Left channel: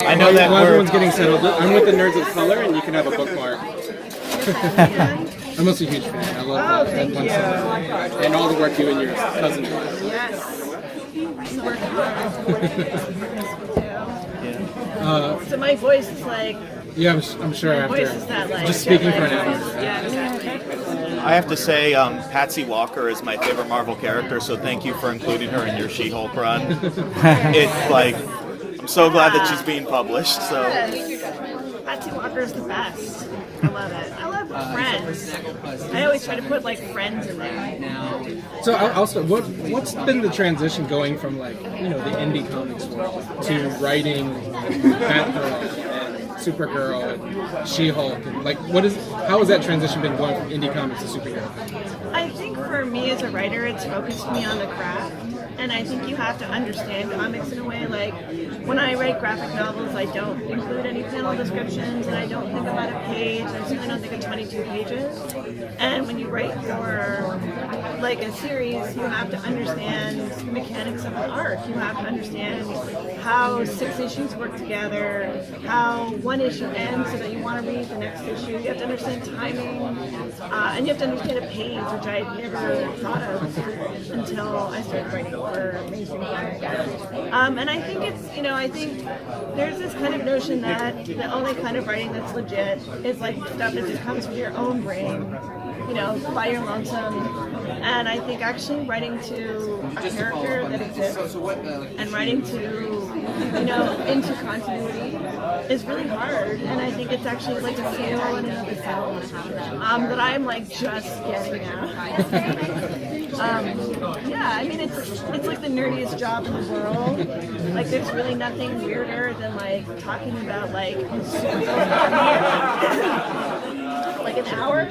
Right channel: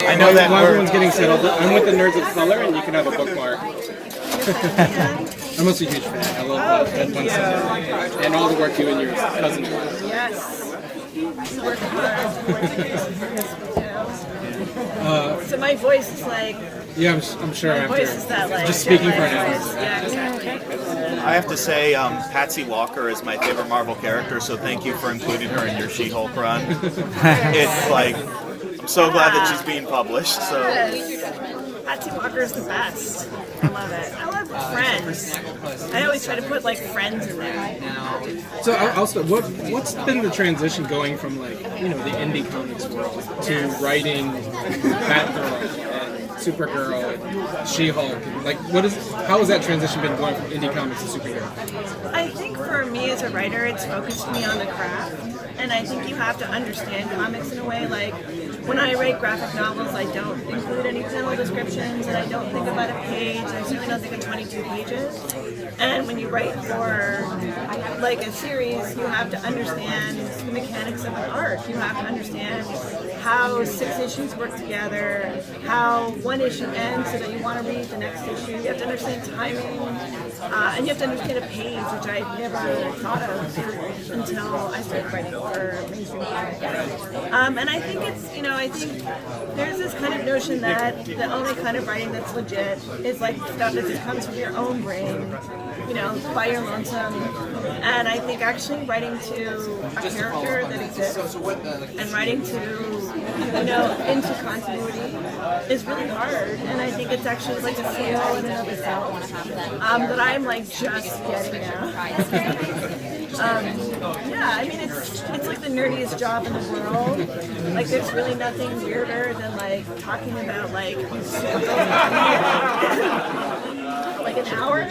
I know that while everyone's getting settled, I'm with the Nerds of Color, and you can have a bookmark. I'm also a huge fan. I love that one Sunday. And all the work you and your cousin do. Yes. So my voice is like... Yeah, I'm sure my after voice is that, like, just speaking for voice. an Yeah, exactly. I have to say, Patsy Walker is my favorite Marvel character, so thank you for including her in your She-Hulk run. It's like, I'm so glad that she's being published. So. Yes. Patsy Walker is the best. I love it. I love Friends. I always try to put like Friends in there. So also, what's been the transition going from like the indie comics world to writing Batgirl and Supergirl and She-Hulk? And like, how has that transition been going from indie comics to superhero? I think for me as a writer, it's focused me on the craft, and I think you have to understand comics in a way. Like when I write graphic novels, I don't include any panel descriptions, and I don't think about a page. I certainly don't think of 22 pages. And when you write for like a series, you have to understand the mechanics of an arc. You have to understand how 6 issues work together, how one issue ends so that you want to read the next issue. You have to understand timing, and you have to understand a page, which I never thought of until I started writing for Amazing Comics. And I think it's, I think there's this kind of notion that the only kind of writing that's legit is like stuff that just comes from your own brain, by your lonesome. And I think actually writing to a character that exists and writing to, into continuity is really hard. And I think it's actually like a skill in and of itself that I'm like just getting now. It's like the nerdiest job in the world. Like there's really nothing weirder than like talking about like Supergirl like an hour,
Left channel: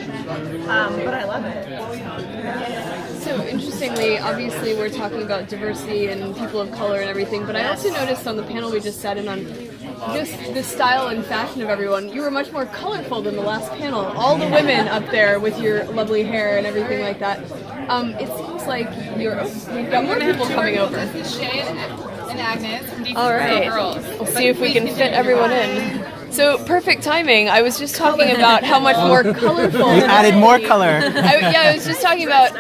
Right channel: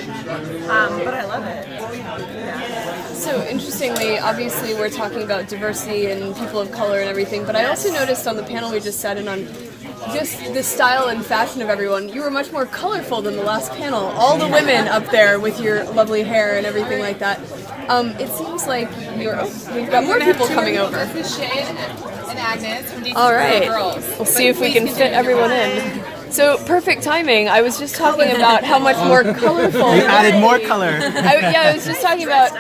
but I love it. Yeah. So interestingly, obviously we're talking about diversity and people of color and everything, but I also noticed on the panel we just sat in on, just the style and fashion of everyone, you were much more colorful than the last panel. All the women up there with your lovely hair and everything like that. It seems like we've got more people coming over. This is Shea and Agnes from DC All right, Girls. We'll see if we can fit everyone in. So, perfect timing. I was just talking about how much more colorful... You added more color. I was just talking about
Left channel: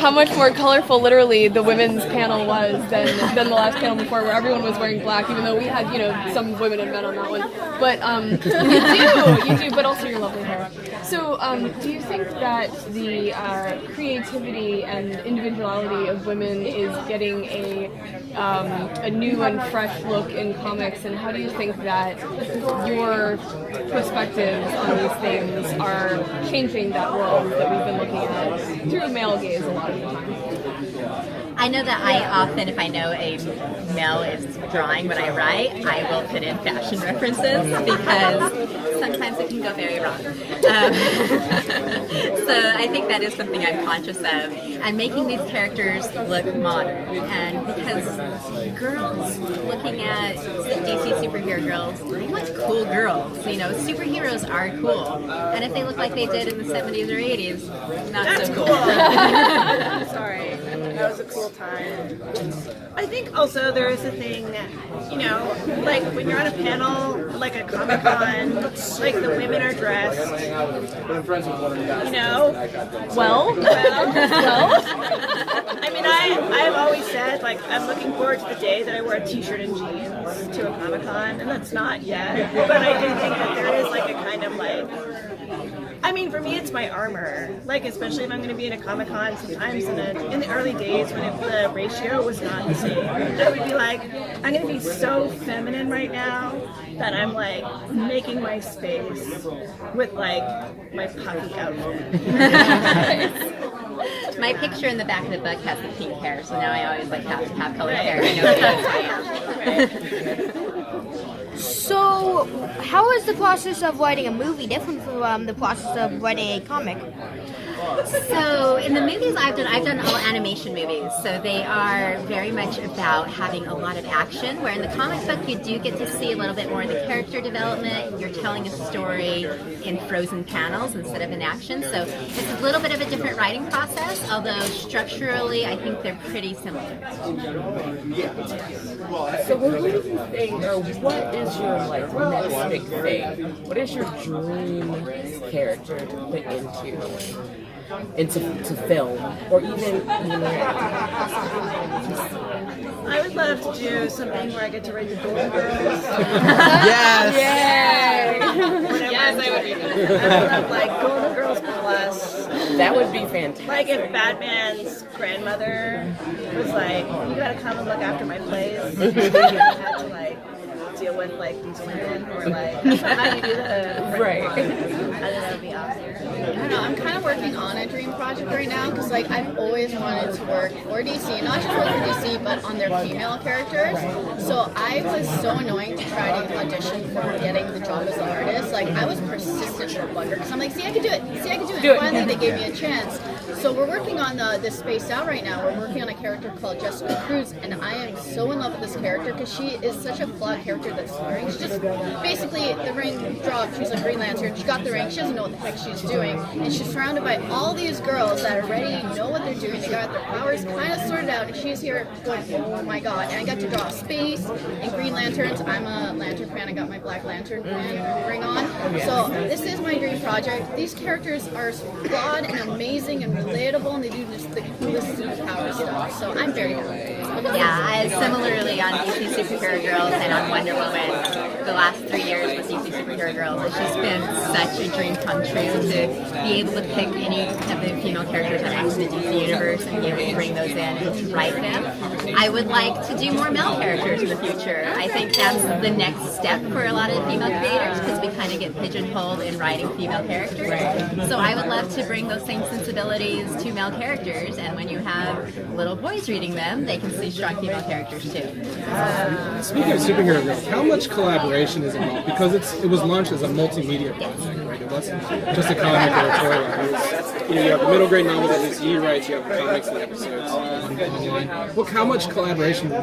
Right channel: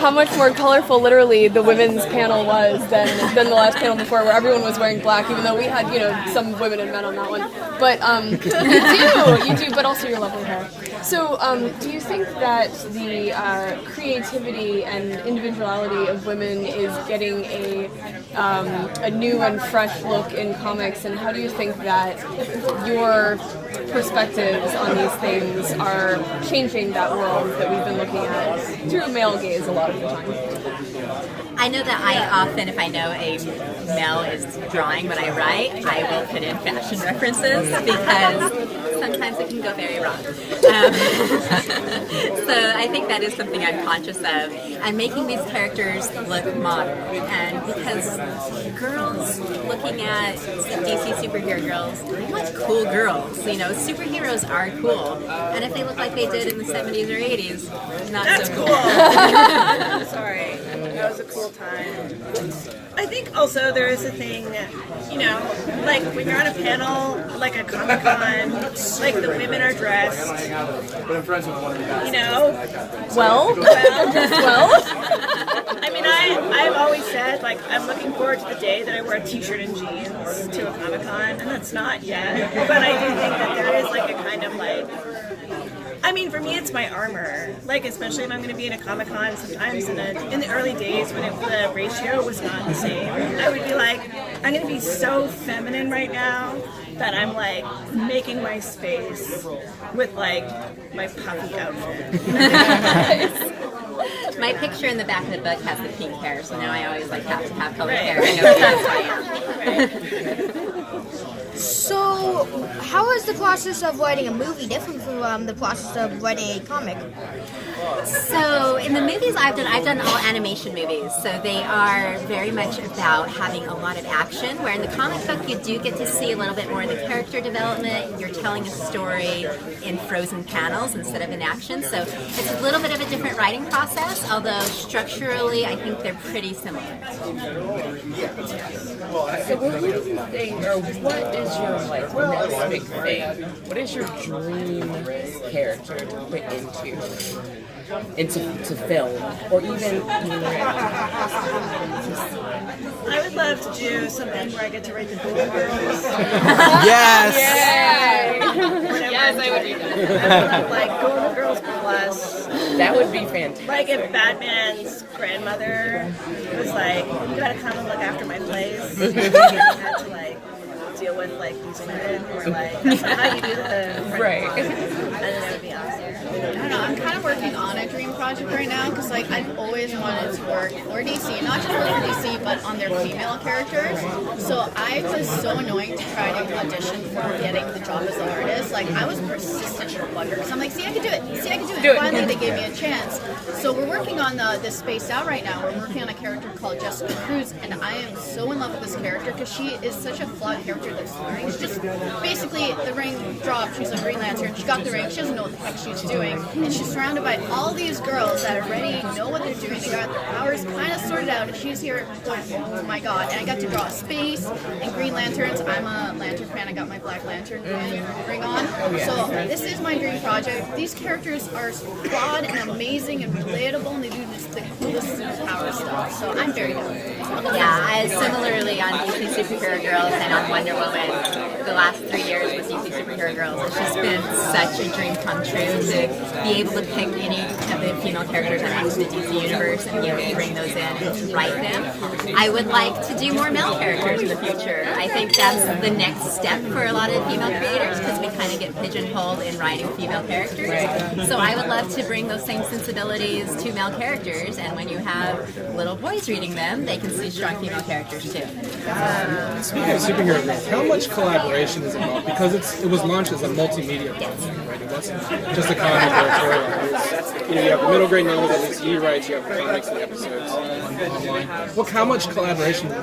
how much more colorful, literally, the women's panel was than the last panel before, where everyone was wearing black, even though we had, some women and men on that one. But you do, but also your lovely hair. So, do you think that the creativity and individuality of women is getting a new and fresh look in comics, and how do you think that your perspectives on these things are changing that world that we've been looking at through male gaze a lot of the time? I know that I often, if I know a male is drawing what I write, I will put in fashion references because sometimes it can go very wrong. So I think that is something I'm conscious of. I'm making these characters look modern, and because girls looking at DC superhero girls, we want cool girls. Superheroes are cool, and if they look like they did in the 70s or 80s, not That's so cool. Sorry, that was a cool time. I think also there is a thing, like when you're on a panel, like a Comic-Con, like the women are dressed, I mean, I've always said, like, I'm looking forward to the day that I wear a t-shirt and jeans to a Comic-Con, and that's not yet, but I do think that there is like a kind of like, I mean, for me, it's my armor. Like, especially if I'm going to be in a Comic-Con, sometimes in the early days when the ratio was not the same, I would be like, I'm going to be so feminine right now that I'm like making my space with like my puffy outfit. My picture in the back of the book has the pink hair, so now I always have to have colored Right. hair. I know what that's like. Right. So, how is the process of writing a movie different from the process of writing a comic? So in the movies I've done all animation movies. So they are very much about having a lot of action. Where in the comic book you do get to see a little bit more of the character development. You're telling a story in frozen panels instead of in action. So it's a little bit of a different writing process. Although structurally, I think they're pretty similar. So who do you think, or what is your like next big thing? What is your dream character to put into film, or even I would love to do something where I get to write the Golden Girls. Yes. Whatever. Yes, I would love like Golden Girls Plus. that would be fantastic. Like if Batman's grandmother was like, "You gotta come and look after my place," and he had to like deal with like these women who are like, "That's not how you do the Right. I think that would be awesome. I don't know. I'm kind of working on a dream project right now because, like, I've always wanted to work for DC, not just work for DC, but on their female characters. So I was so annoying to try to audition for getting the job as an artist. Like, I was persistent for bugger because I'm like, see, I can do it. See, I can do it. Finally, they gave me a chance. So we're working on this Spaced Out right now. We're working on a character called Jessica Cruz, and I am so in love with this character because she is such a flawed character that's learning. She just basically the ring dropped. She's a Green Lantern. She got the ring. She doesn't know what the heck she's doing, and she's surrounded by all these girls that already know what they're doing. They got their powers kind of sorted out, and she's here going, oh my god. And I got to draw space and Green Lanterns. I'm a Lantern fan. I got my Black Lantern ring on. So this is my dream project. These characters are flawed and amazing and relatable, and they do just the coolest superpower stuff. So I'm very happy. Yeah, I similarly on DC Superhero Girls and on Wonder Woman, the last 3 years with DC Superhero Girls, it's just been such a dream come true to be able to pick any of the female characters that are in the DC universe and be able to bring those in and write them. I would like to do more male characters in the future. I think that's the next step for a lot of female creators because we kind of get pigeonholed in writing female characters. So I would love to bring those same sensibilities to male characters, and when you have little boys reading them, they can see strong female characters too. Speaking of superhero girls, how much collaboration is involved? Because it was launched as a multimedia platform, right? It wasn't just a comic or a storyline. You have the middle grade novels that DC writes, you have comics and episodes online. How much collaboration is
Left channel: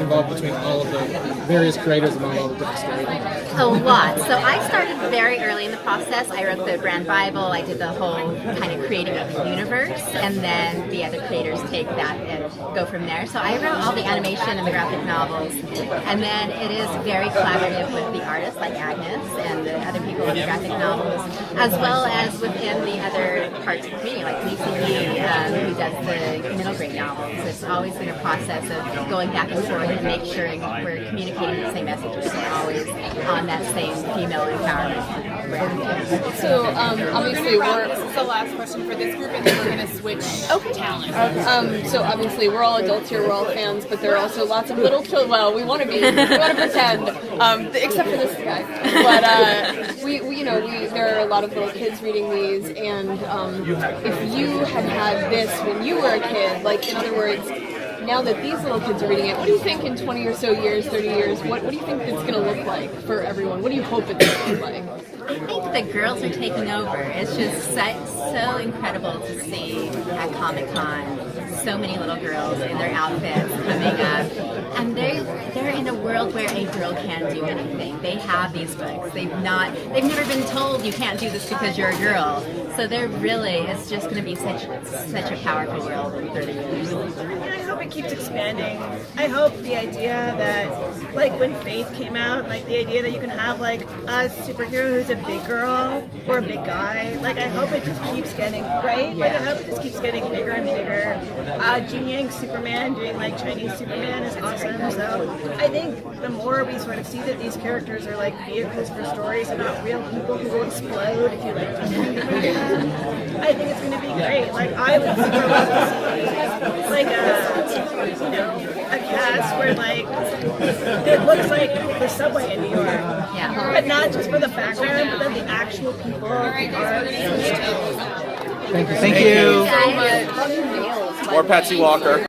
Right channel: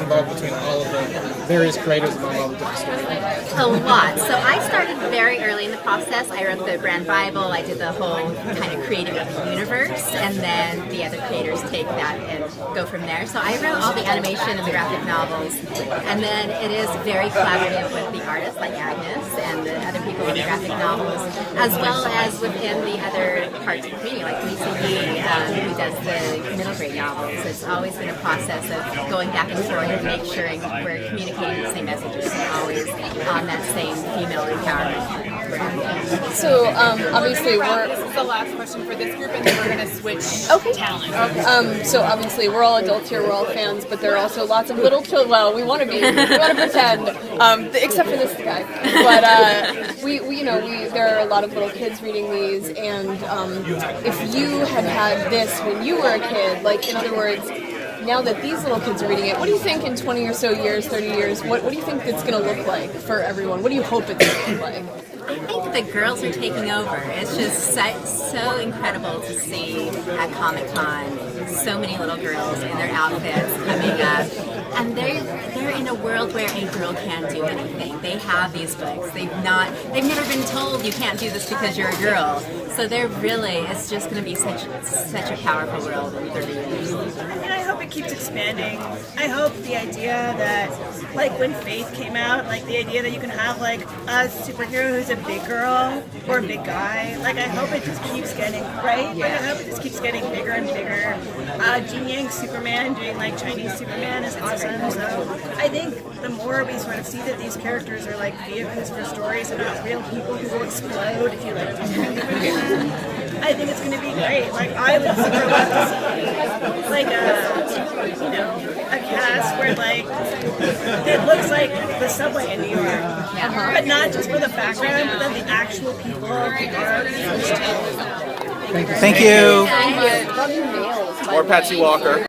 involved between all of the various creators among all the different storylines? A lot. So I started very early in the process. I wrote the brand Bible. I did the whole kind of creating a universe, and then the other creators take that and go from there. So I wrote all the animation and the graphic novels, and then it is very collaborative with the artists like Agnes and the other people in the graphic novels, as well as within the other parts of the community, like DCB, who does the middle grade novels. It's always been a process of going back and forth and make sure we're communicating the same messages, always on that same female empowerment brand. So obviously This is the last question for this group, and then we're going to switch talent. so obviously we're all adults here, we're all fans, but there are also lots of little children. Well, we want to pretend, except for this guy. But there are a lot of little kids reading these, and if you had this when you were a kid, like in other words, now that these little kids are reading it, what do you think in 20 or so years, 30 years, what do you think it's going to look like for everyone? What do you hope it's going to look like? I think the girls are taking over. It's just so incredible to see at Comic-Con so many little girls in their outfits coming up. And they're in a world where a girl can't do anything. They have these books. They've never been told you can't do this because you're a girl. So it's just going to be such a powerful world in 30 years. I mean, I hope it keeps expanding. I hope the idea that, like, when Faith came out, like, the idea that you can have, like, a superhero who's a big girl or a big guy, like, I hope it just keeps getting, right? Like, I hope it just keeps getting bigger and bigger. Jin Yang Superman doing, like, Chinese Superman is awesome. So I think the more we sort of see that these characters are, like, vehicles for stories and not real people who will explode if you, like, do something different to them, I think it's going to be great. Like, I would super love to see, like, a cast where, like, it looks like the subway in New York. Yeah. But not just for the background, but then the actual people are used to. Thank you. Or Patsy Walker.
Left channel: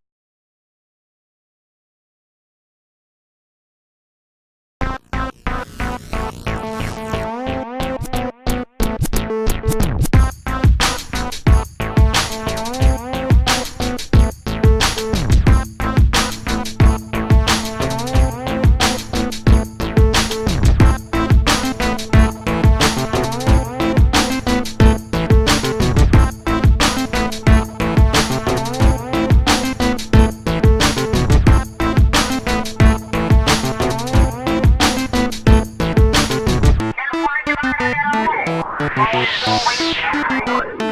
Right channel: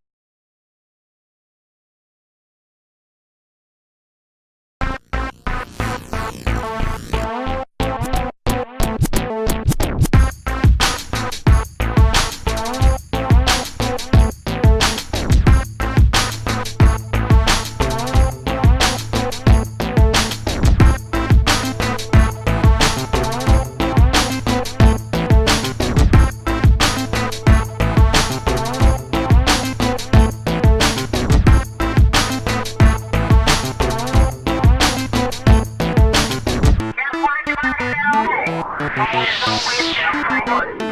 Please don't wait, everyone.